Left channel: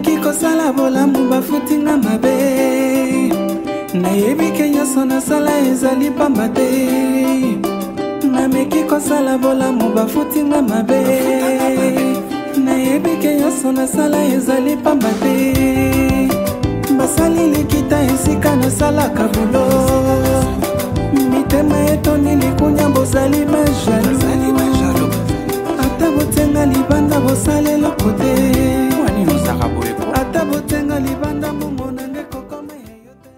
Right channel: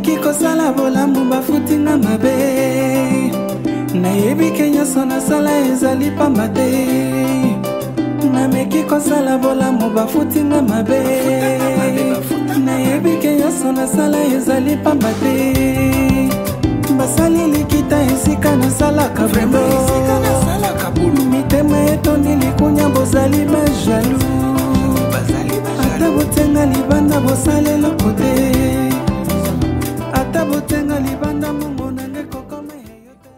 nameki kosala bolamu bafutinga mabe nayebi ke nyonso nasala ezali pamba te nameki kosala bolamu bafutinga mabe nayebi ke nyonso nasala ezali pamba te basali likita esika nasalaka vremo mitema etoni likunya bozali bajalu ata botenga libanda bosala eloko te ata botenga libanda mongo nange kokoma yeyo te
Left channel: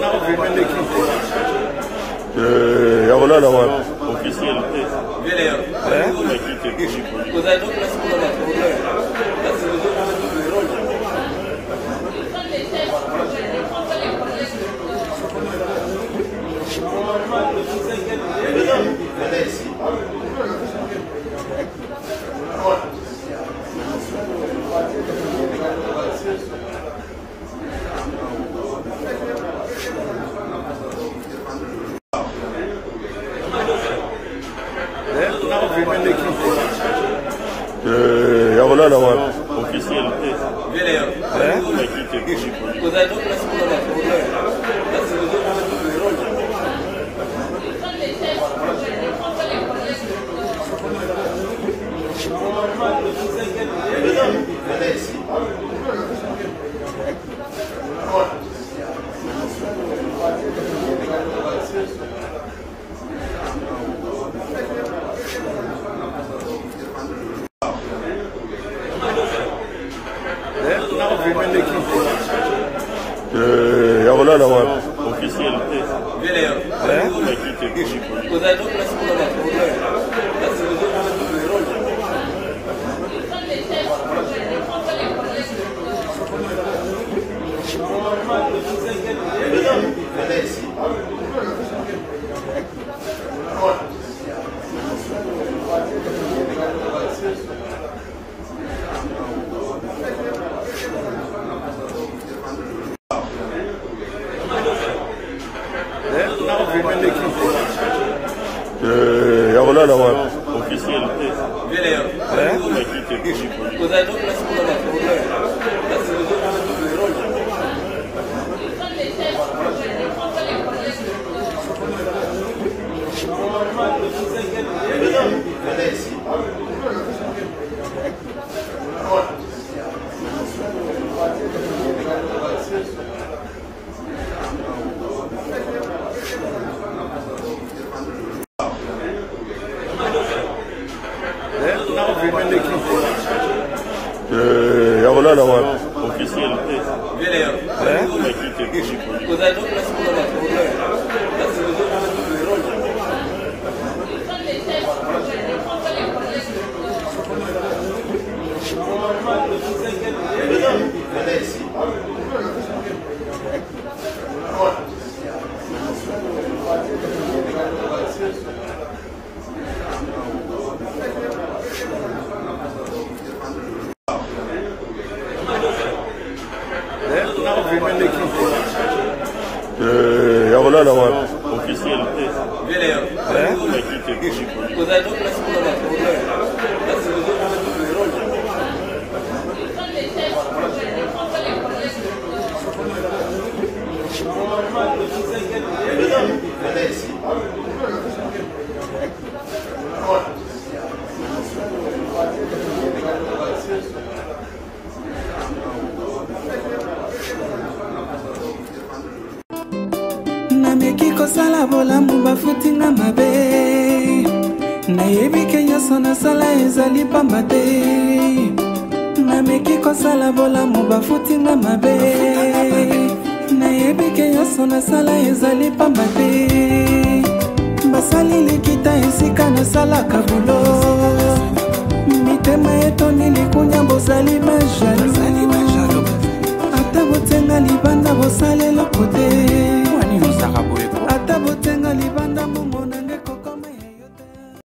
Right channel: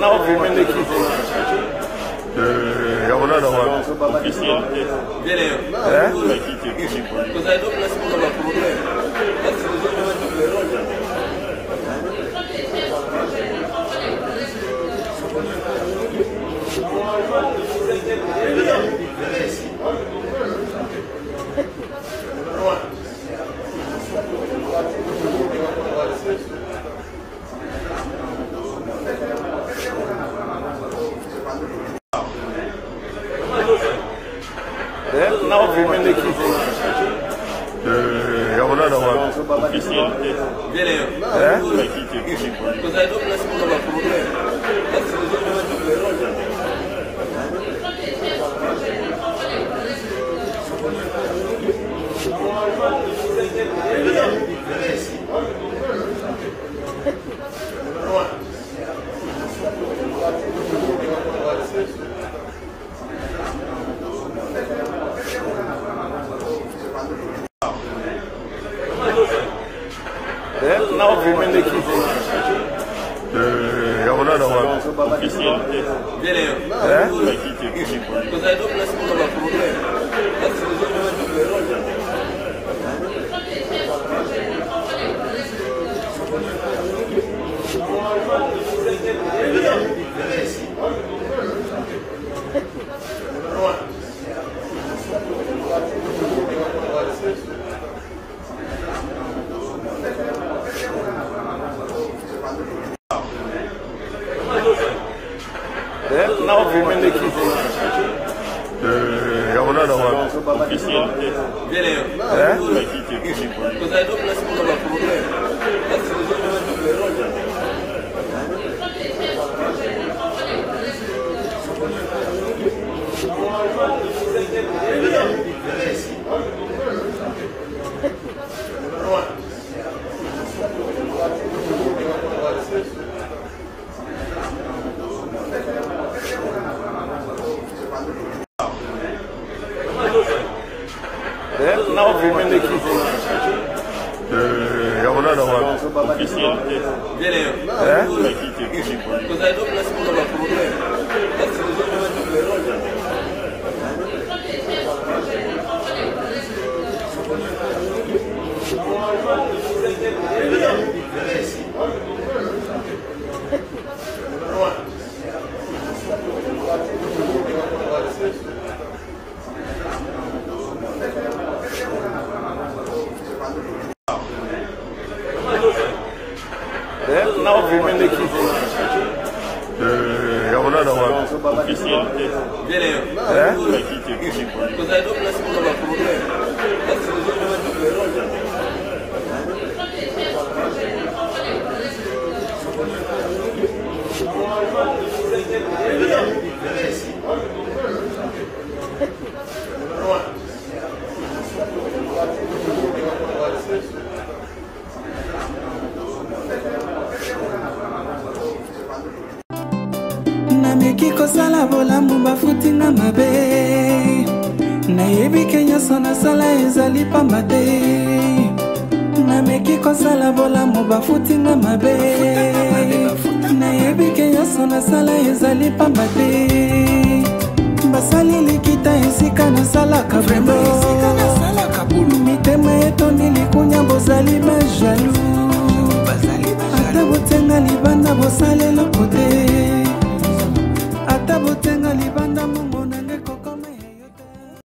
nao vimende ki ya kolala wapi vile yo kuna donc là c'est pas problème là c'est besoin de jouer le rôle. nao vimende ki ya kolala wapi vile yo kuna donc là c'est pas problème là c'est besoin de jouer le rôle. nao vimende ki ya kolala wapi vile yo kuna donc là c'est pas problème là c'est besoin de jouer le rôle. nao vimende ki ya kolala wapi vile yo kuna donc là c'est pas problème là c'est besoin de jouer le rôle. nao vimende ki ya kolala wapi vile yo kuna donc là c'est pas problème là c'est besoin de jouer le rôle. nao vimende ki ya kolala wapi vile yo kuna donc là c'est pas problème là c'est besoin de jouer le rôle. nameki kosala bolamu bafutinga mabe nayebi ke nyonso nasala ezali pamba te nameki kosala bolamu bafutinga mabe nayebi ke nyonso nasala ezali pamba te basali likita esika nasalaka vremo mitema etoni likunya